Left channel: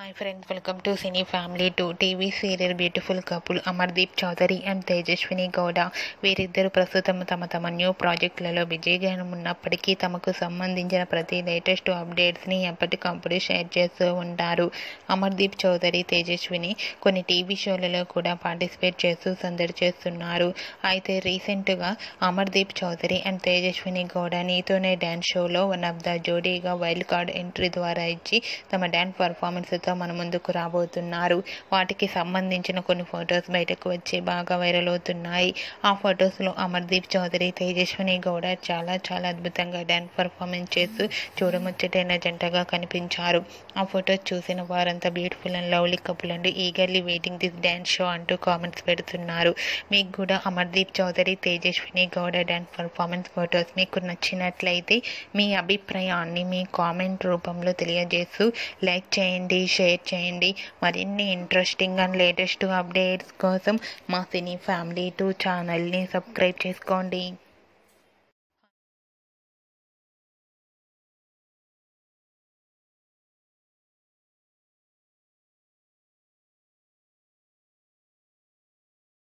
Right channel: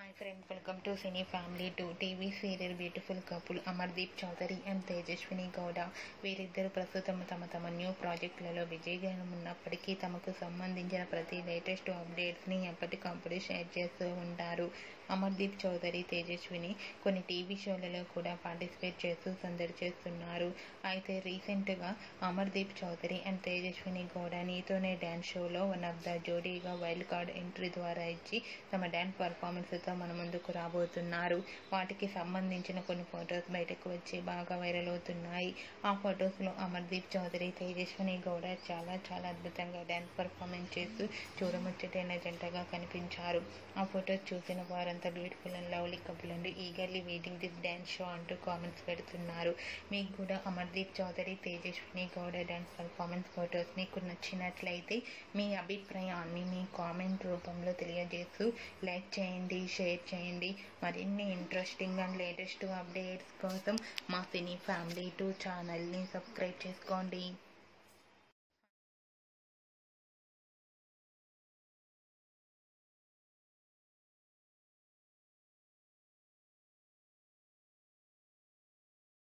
Hi friends, welcome to cine family 2 TV serial beautiful couple Amardeep Chowdary and Tejaswini Gowda. వీరిద్దరు ప్రస్తుతం తమ new ప్రాజెక్టులలో బిజీగా ఉన్నప్పటికీ తమకు సంబంధించిన ప్రతి లేటెస్ట్ అప్డేట్స్ని ఎప్పటికప్పుడు షేర్ చేస్తూ ఉంటారు. అమర్దీప్ చౌదరి, తేజస్విని కొన్ని టీవీ షోలలో కూడా పార్టిసిపేట్ చేస్తూ సందడి చేస్తున్నారు. అయితే రీసెంట్గా అమర్దీప్ చౌదరి అండ్ తేజస్విని గౌడ నీతోనే డ్యాన్స్ షోలో వన్ ఆఫ్ ద జోడీగా వైల్డ్ కార్డ్ ఎంట్రీ ద్వారా ఇచ్చి తమ డ్యాన్స్ పర్ఫార్మెన్స్ మన ముందుకు రాబోతున్నారు. వాటికి సంబంధించిన కొన్ని ఫొటోస్ బయటకు వచ్చి బాగా వైరల్ అవుతున్నాయి. ఆ ఫొటోస్లో అమర్దీప్ చౌదరి, తేజస్విని గౌడ చాలా అద్భుతంగా డ్యాన్స్ పర్ఫార్మెన్స్ చేస్తూ చూడముచ్చటైన జంటగా కనిపించారు. ఆ ఫొటోస్ చూసిన వారంతా beautiful and lovely couple and eagerly waiting this dance show అంటూ కామెంట్స్ పెడుతున్నారు. మీకు కూడా Amardeep Chowdary, Tejaswini Gowda dance performance photos మీకు నచ్చినట్లయితే మీ అభిప్రాయాన్ని మీ కామెంట్ రూపంలో తెలియజేస్తూ లైక్ చేయండి, షేర్ చేయండి. మరిన్ని ఇంట్రెస్టింగ్ అండ్ లేటెస్ట్ అప్డేట్స్ కోసం మా సినీ ఫ్యామిలీ 2 ఛానల్ని సబ్స్క్రైబ్ చేసుకోండి.